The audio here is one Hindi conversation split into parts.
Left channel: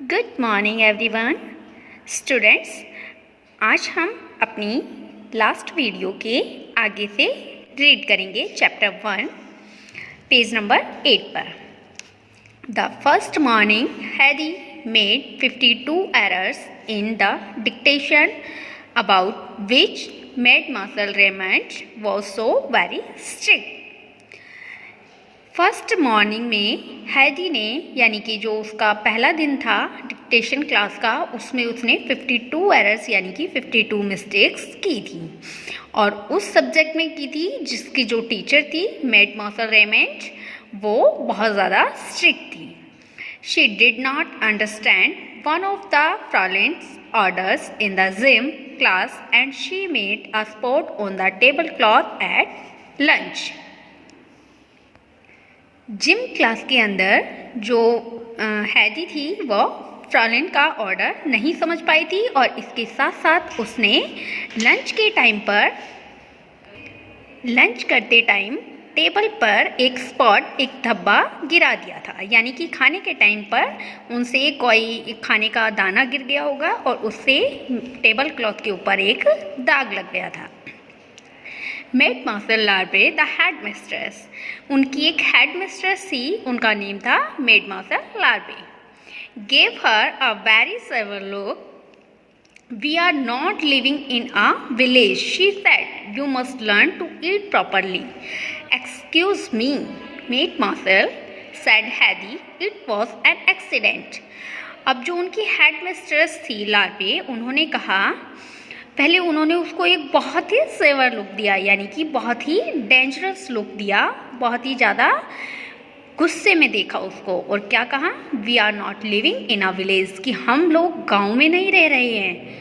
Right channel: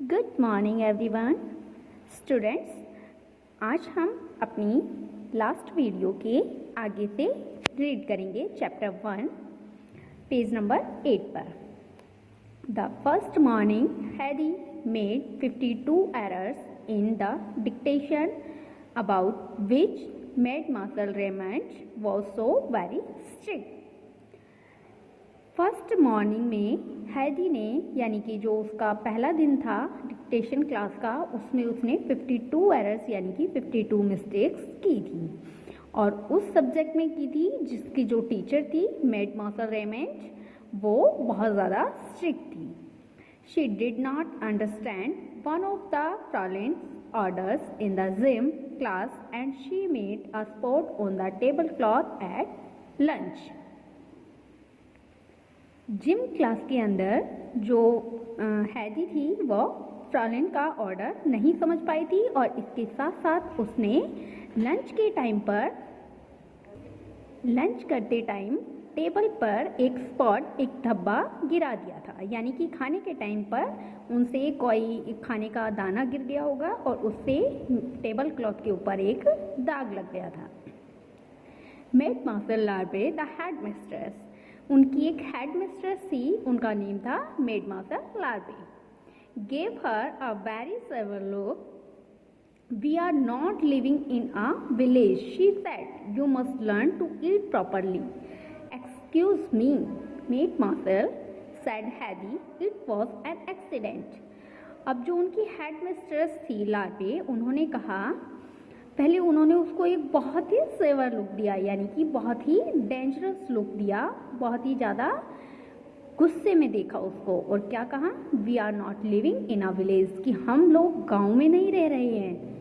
Good morning everyone students. आज हम अपनी लास्ट वीडियो के आगे से रीड करेंगे चैप्टर 1 पेज नंबर 8 पर। The first morning Heidi made 52 errors in the dictation about which made Marshall Raymond was so very strict. First morning में हैदी ने यानी कि जो उसका पहला दिन था डिक्टेशन क्लास का, उसमें उसने 52 एरर्स यानी कि 52 मिस्टेक्स की थी और उस सब्जेक्ट में की थी जिसकी जो टीचर थी मेड मार्शल रेमंड, वो बहुत ज़्यादा स्ट्रिक्ट थी। She did not understand one of the fraulein's orders in the gym class and she made a spot on the tablecloth at lunch. Gym class के अंदर जो हैदी थी वह फ्रॉलेन का ऑर्डर नहीं समझ पाई थी और इसके साथ साथ उसने लंच के टाइम पर लंच करते टाइम टेबल पर एक स्पॉट, एक धब्बा गिरा दिया था, यानी कि खाने के टाइम पर उनसे कोई खाने का दाना गिर गया होगा और उससे टेबल क्लॉथ के ऊपर एक दाग लग गया था। Mademoiselle Larve the headmistress, उनकी एक हेड मिस्ट्रेस थी, उनका नेम था mademoiselle Larve, gave her a very severe look. We are not living in a village, she said. You must learn to eat properly. Excuse me, maid marshal, said Hedy. It was an accident. अब जो उनकी हेड मिस्ट्रेस थी लार्वे, उन्होंने कहा, पहले उन्होंने उसको एक बहुत ही सेवर लुक दिया, यानी कि बहुत ही डेंजरस लुक दिया, बहुत ही ज़्यादा गुस्से में देखा उसको और क्या कहा, we are not living in a village, कि हम लोग गांव में नहीं रह रहे हैं।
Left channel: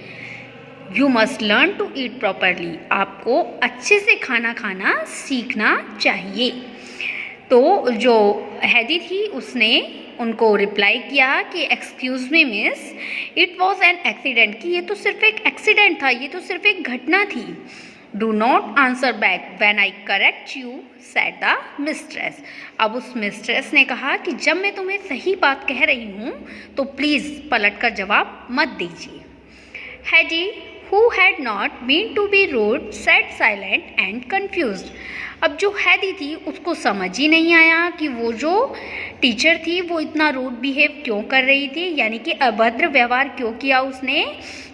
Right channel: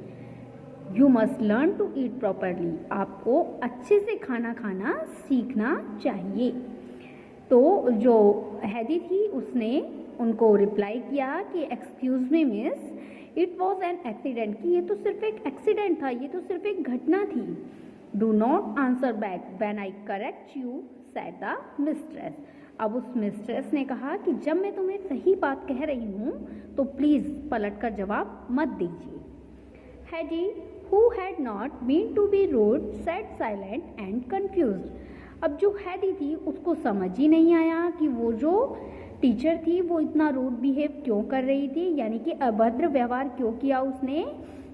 You must learn to eat properly, आपको अच्छे से खाना खाना सीखना चाहिए। तो जो हैदी थी उसने उनको रिप्लाई किया कि excuse me miss, it was an accident, कि ये तो सिर्फ एक एक्सीडेंट था, ये तो सिर्फ एक घटना थी। Do not answer back when I correct you, said the mistress. अब उस मिस्ट्रेस ने कहा कि जब मैं तुम्हें सही बात कह रही हूँ तो प्लीज़ पलट कर जवाब मत दीजिए। हैडी, who had not been to be rude, sat silent and confused. अब जो हैदी थी उसको समझ ही नहीं आया कि वो जो टीचर थी वो इतना रूड बिहेव क्यों कर रही थी, यानी कि अभद्र व्यवहार क्यों किया उसने,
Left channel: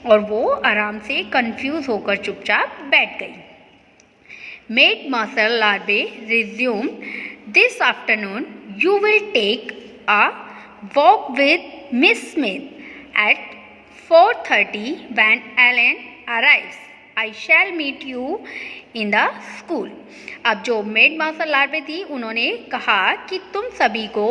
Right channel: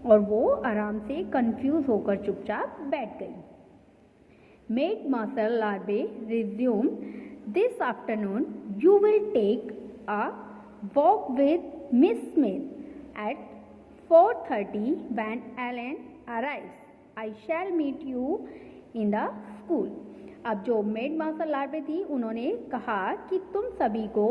और वो आराम से कंफ्यूज होकर चुपचाप बैठ गई। Mademoiselle Larve resume, this afternoon you will take a walk with miss Smith at 4:30 when Ellen arrives. I shall meet you in the school. अब जो मेड मार्शल लार्वे थी उन्होंने कहा कि तुम सभी को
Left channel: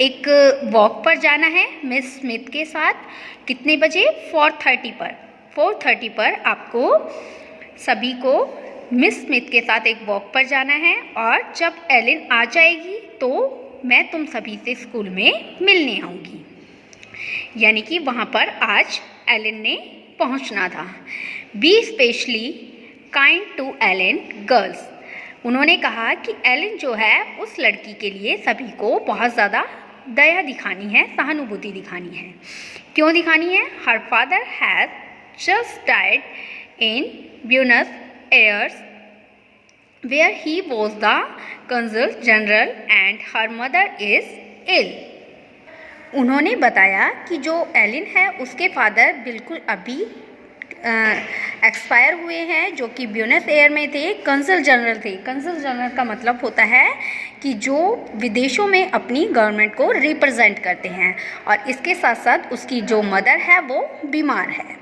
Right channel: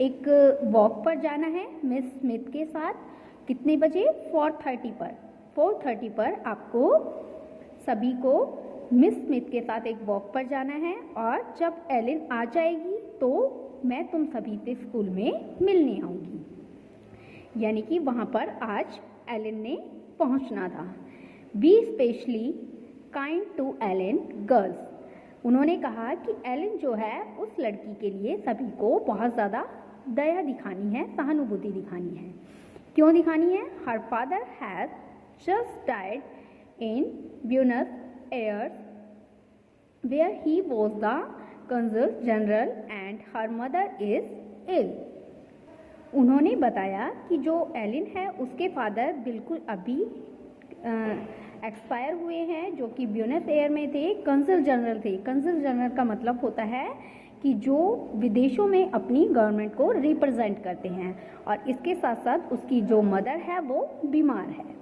एक वॉक पर जाना है मिस स्मिथ के साथ। कितने बजे? 4:30 पर। 4:30 पर आपको सभी को मिस स्मिथ के साथ एक वॉक पर जाना है और जब एलिन आ जाएगी तो मैं तुम सभी से स्कूल में मिलने आऊँगी। यानी कि वहाँ पर आज एलन ने पहुँचना था। Be specially kind to Ellen girls, उन्होंने कहा कि एलन जो है उस लड़की के लिए सभी को बहुत ज़्यादा दया दिखानी है, सहानुभूति दिखानी है। क्यों दिखानी है? Her father has just died in Buenos Aires where he was the consul general and her mother is ill. उन्होंने बताया कि जो एलिन है उसके फादर बिल्कुल अभी एक्सपायर हुए हैं, जो कि ब्यूनस एयर में थे, कंसल जनरल थे। कंसल जनरल का मतलब होता है कि जो विदेशों में अपनी गवर्नमेंट को रिप्रेजेंट करते हैं, और इसके साथ साथ उसकी जो मदर है वो बीमार है।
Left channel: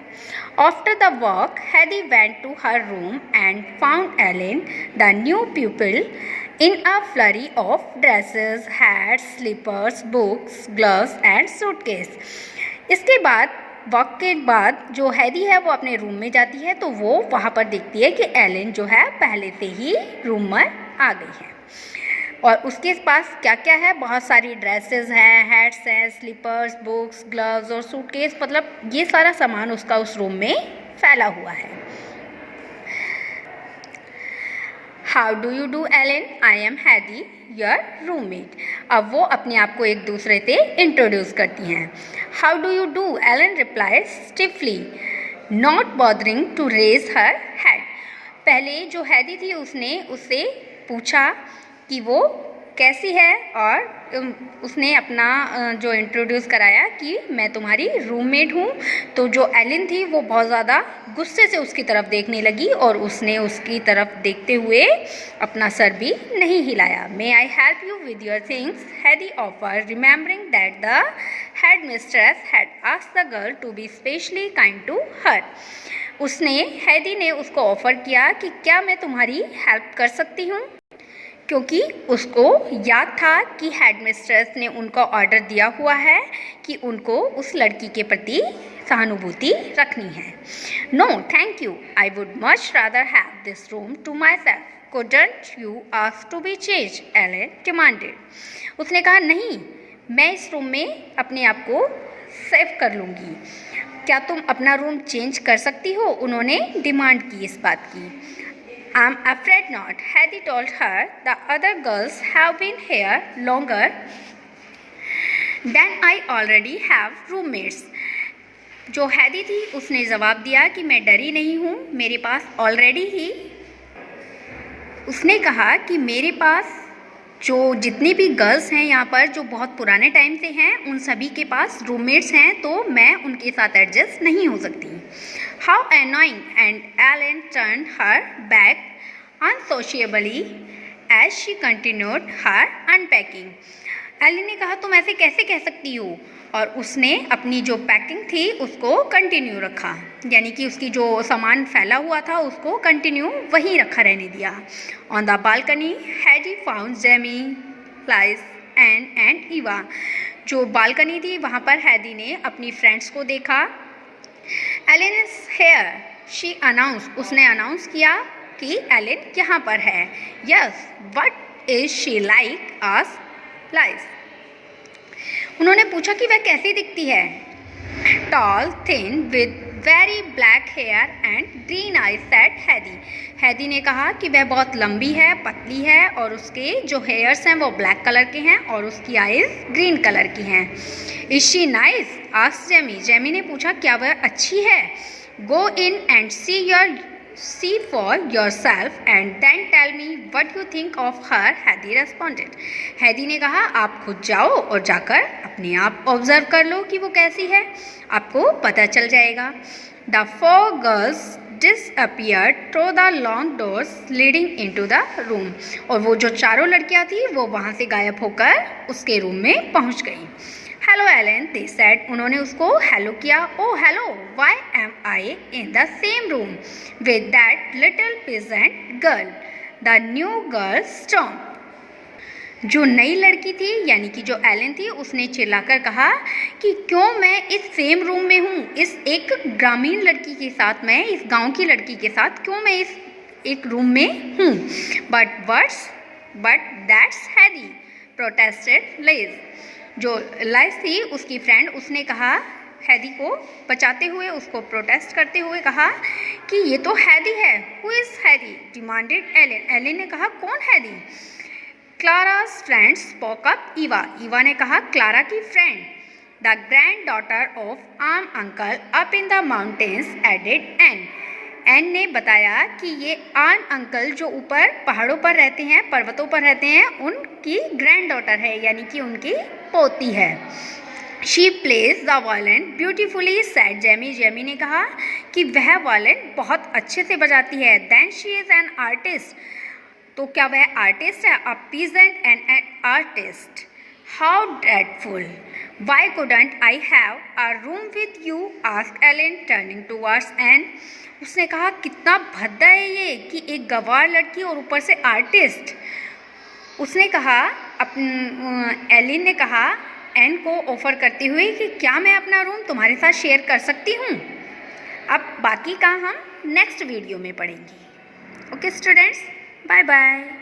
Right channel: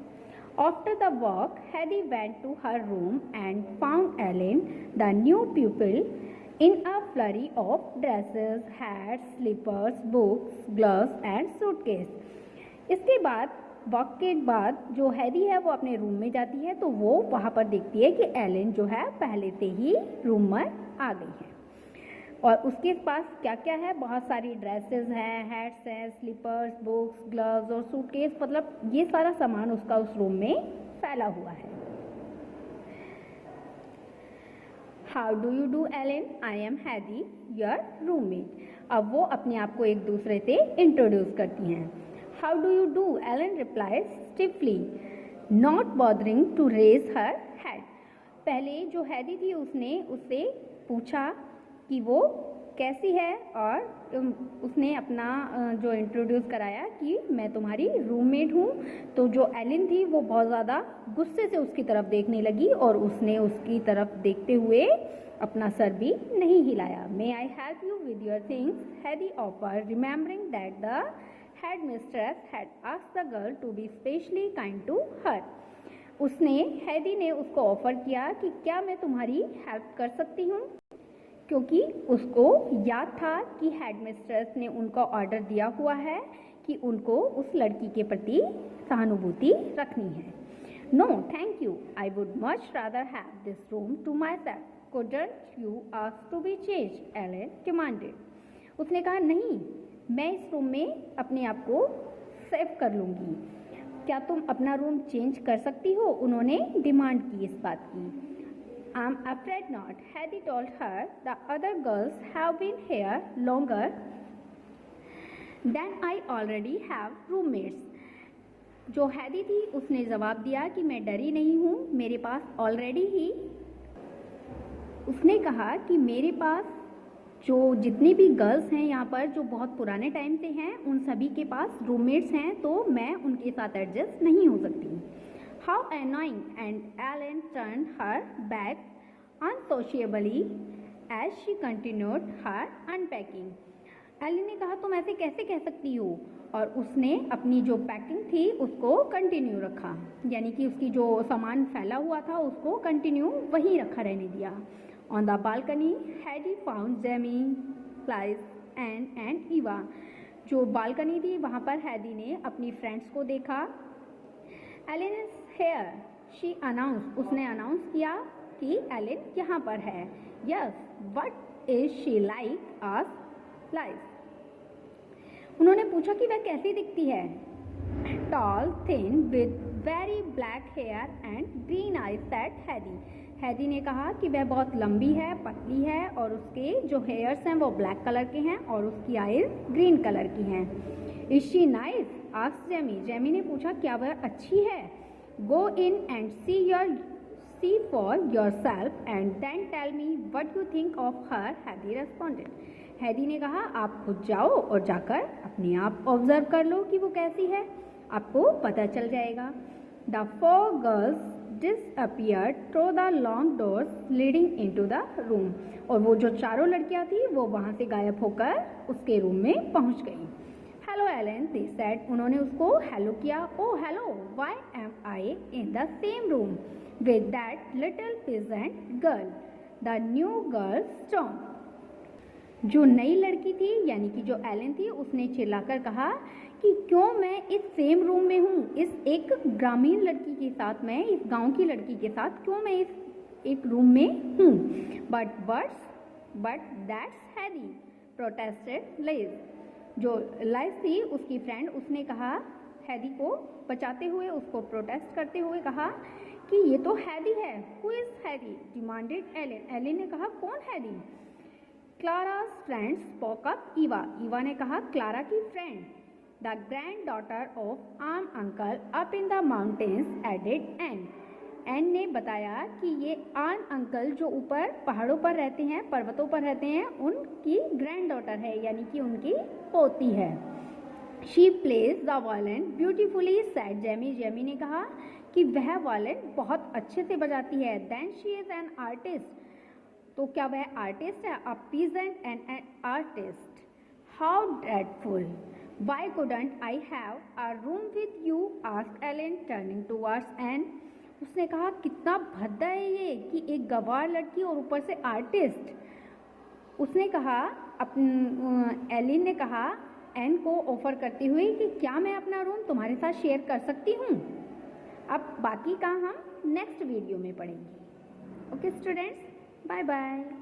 After the walk Heidi went to her room and found Ellen the new people in a flurry of dresses, hats, slippers, books, gloves and suitcase. इसके बाद वॉक के बाद जो हैदी है वो अपने रूम में जाती है तो वो वहाँ पर देखती है कि एलिन जो है पहले से ही रूम में आ गई है और उसके पास क्या क्या है, बहुत सारी ड्रेसेस हैं, हैट्स हैं, स्लीपर्स, बुक्स, ग्लव्स और सूटकेस, मतलब ये सारा सामान उसका उस रूम में फैला हुआ है। How do you do Ellen, I am Heidi your roommate. अब वो अपने आप को एक दूसरे से इंट्रोड्यूस करती हैं। How do you do, Alan replies stiffly, not bothering to raise her head. पहले जो हैदी थी उसने उससे पूछा कि वो कैसी है, और उसने अपना जो इंट्रोड्यूस कराया कि मैं तुम्हारी रूममेट हूँ। तो जो एलिन थी वो बहुत ज़्यादा गुस्से से उसकी तरफ देखने लगी और उसने उसकी तरफ देखते हुए अपना सर भी नहीं हिलाया। May I help you with your things, Heidi offer, remembering that the headmistress had asked the girl to be specially kind to her. Heidi ने उसको ऑफ़र किया कि क्या मैं तुम्हारी हेल्प कर सकती हूँ, क्योंकि उसको याद था कि हेडमिस्ट्रेस ने उनका ऑर्डर दिया हुआ है कि उनको उस लड़की के प्रति सहानुभूति रखनी है। No thank you, I would much rather have this room to myself, couldn't you ask to be change, Ellen demanded. उसने कहा नहीं, मैं इस रूम में अपने आप को सेव कर लूँगी, क्या तुम अपना रूम चेंज कर सकती हो, उन्होंने डिमांड की इस बात की। I'm afraid not, Hedy told her. The other girls have been here longer than I already have roommates. जो हैदी थी उसने जवाब दिया कि मैं डरी नहीं हूँ, मेरे पास ऑलरेडी ही, उसने कहा कि मेरे पास जो जितनी भी गर्ल्स हैं यहाँ पर जो बहुत पुराने टाइम से हैं उन सभी के पास रूममेट्स हैं, तो मैं उनके साथ एडजस्ट नहीं हो सकती। How annoying, and Ellen turned her back unsociably as she continued her unpacking. Ellen ने कहा तुम ऐसे कैसे कह सकती हो, और उसने अपनी जो पैकिंग थी उसको कंटिन्यू रखा, यानी कि उसकी जो सामान फैला हुआ था उसको कंटिन्यू वहीं रखा रहने दिया। On the balcony Heidi found Jamie, Lise and Eva. जो बालकनी थी वहाँ पर हैदी ने अपनी फ्रेंड्स को देखा। Alan is here, she announce, उसने अनाउंस किया कि एलन यहाँ पर है। Yes, what is she like, asked Lise. उन्होंने पूछा कि वह कैसी दिखती है। Tall, thin, with very black hair and green eyes, said Heidi. Heidi ने कहा कि वह बहुत लंबी है, पतली है, और उसके जो हेयर्स हैं वो ब्लैक कलर के हैं और उसकी आईज ग्रीन कलर की हैं। Is she nice, asked Jamie. Jamie ने पूछा क्या वह अच्छी है। Go in and see for yourself and then tell me what you think of her, हैदी responded. हैदी ने कहा आप खुद जाओ और जाकर अपने आप ऑब्जर्व कर लो कि वो कैसी है, आपको पता चल जाएगा। The four girls disappeared through the long doors leading into the room. और वो जो चारों लड़कियां थी वो वहाँ से गायब होकर उसके रूम में पहुँच गई। हेलो एलन, दे सेड, उन्होंने उसको हेलो किया। Oh hello, why am I in the same room with that little peasant girl, the new girl stomp. जो नई लड़की थी यानी कि जो एलन थी उसने चिल्लाकर कहा कि क्यों मैं इस सेम रूम में हूँ, इस एक ग्रामीण लड़की के साथ, मैं इस गांव की लड़की के साथ क्यों मैं इस एक रूम में हूँ। बट दैट्स हैदी, प्रोटेस्टेड लाइज। जो लाइस थी उसकी फ्रेंड, उसने कहा हैदी को बचाते हुए, उसको प्रोटेस्ट करते हुए कहा कि ये तो हैदी है। Who is Heidi, demanded Ellen. Ellen ने कहा कौन Heidi. Clara's friend spoke up, Eva ने कहा क्लारा की friend. The granddaughter of Alm uncle up in the mountains, added Ann ने बताया कि ये आर्म अंकल जो ऊपर पहाड़ों पर रहते हैं, पर्वतों पर रहते हैं, उनकी ग्रैंड डॉटर है, यानी कि उनकी पोती है। She plays the violin beautifully, said Jamie. Jamie ने कहा कि वह वायलिन बहुत अच्छे से बजाती है। Then she is an artist, तो क्या वह आर्टिस्ट है। A peasant and an artist, how dreadful, why couldn't I have a room with you, asked Alan turning towards Ann. उसने कहा कितना भद्दा है ये कि एक गंवार लड़की और ऊपर से आर्टिस्ट। उसने कहा, एलिन ने कहा एन को ऑफ़र करते हुए कि क्या मैं अपना रूम तुम्हारे साथ शेयर कर सकती हूँ। अब बाकी का हम नेक्स्ट वीडियो में पढ़ेंगे। Okay students, bye bye.